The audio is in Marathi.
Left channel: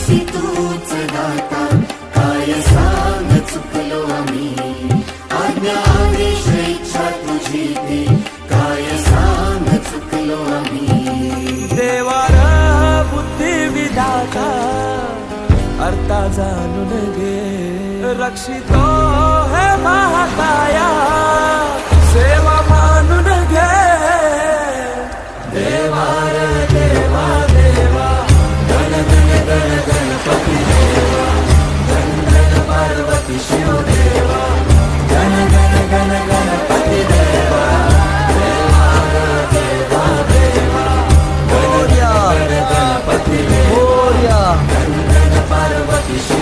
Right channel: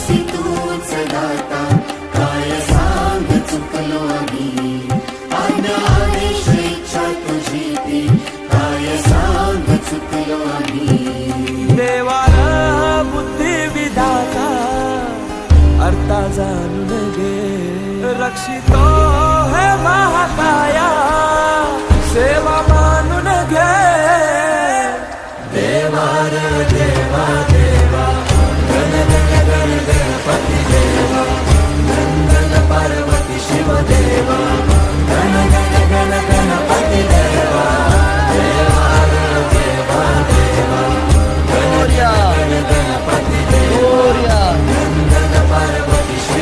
ऐसी तूच दाता काय सांग चुकलो आम्ही. आज्ञा आदेश इच्छा तुझी ती काय सांग चुकलो आम्ही. देवार बुद्धी विधाता अर्था जाणून गे रक्षितो हे महाकाया सेवा मानून घे. देवार देवार पार्वती शिवदेवा गण गण गण गणपति देवा देवा देवा देवा गण गण गणपति देवा गण गण पार्वती शिव